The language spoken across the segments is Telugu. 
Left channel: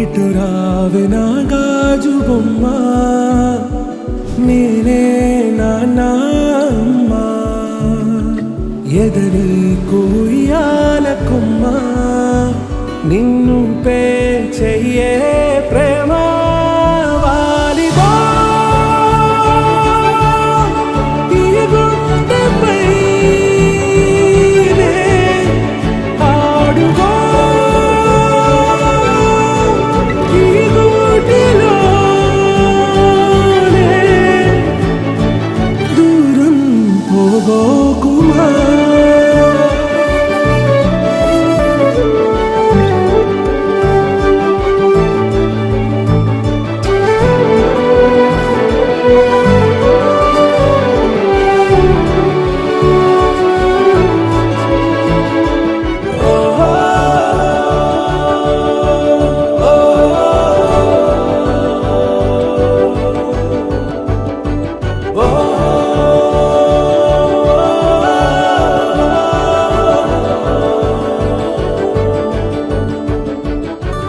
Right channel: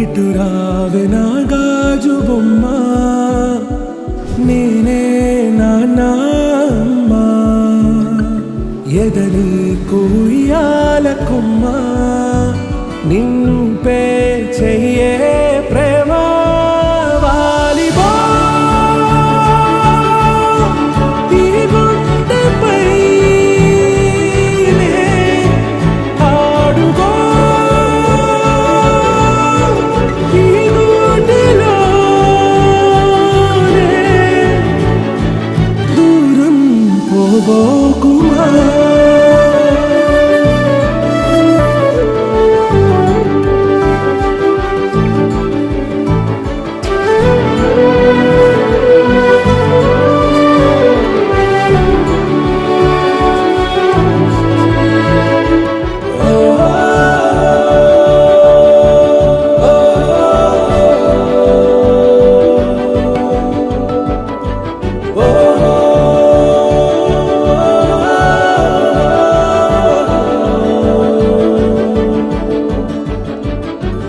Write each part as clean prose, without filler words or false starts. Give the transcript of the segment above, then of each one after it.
ఇటు రావే నా గాజు బొమ్మ, నేనే నాన్న అమ్మ. ఎదని కూయాల కొమ్మ, నిన్ను పే చెయ్యే ప్రేమ. వాలిబో ఈ గుండెపై నే ఆడుగో, ఈ గూటిలోనే దూరం పోబోకుమా.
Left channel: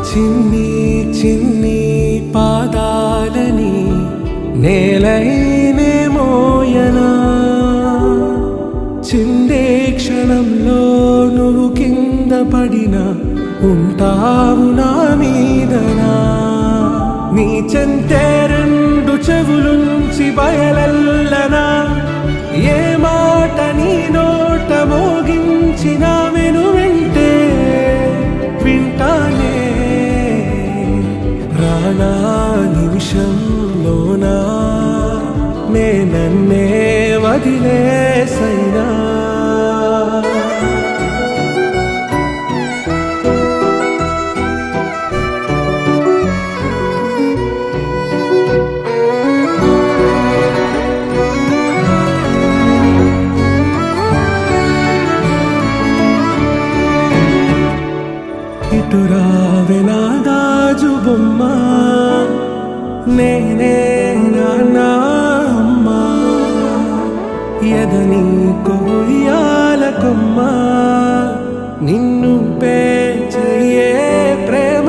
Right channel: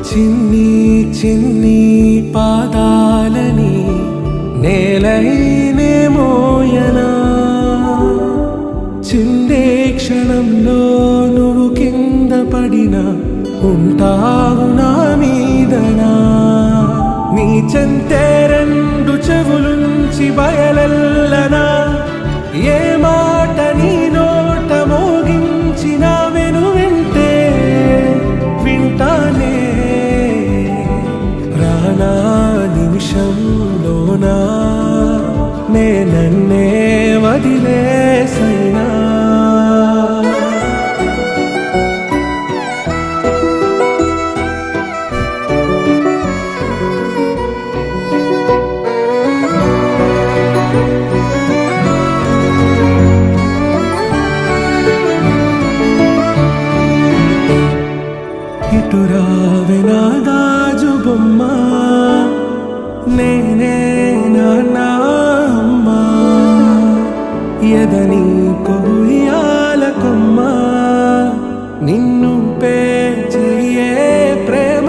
చిన్ని చిన్ని పాదాలని నేలైనే మోయనా, చిందే క్షణంలో నువ్వు కింద పడినా ఉంటావు నా మీదనా. నీ చెంతే రెండు చెవులుంచి బయలెల్లనా, ఏ మాట నీ నోట మోగించిన వెను వింటే వింటానే. రానా నిమిషంలోనా నే నన్నే వదిలేసైనా. ఇటు రావే నా గాజు బొమ్మ, నేనే నాన్న అమ్మ. ఎదని కొయ్యాల కొమ్మ, నిన్ను పే చెయ్యే ప్రేమ.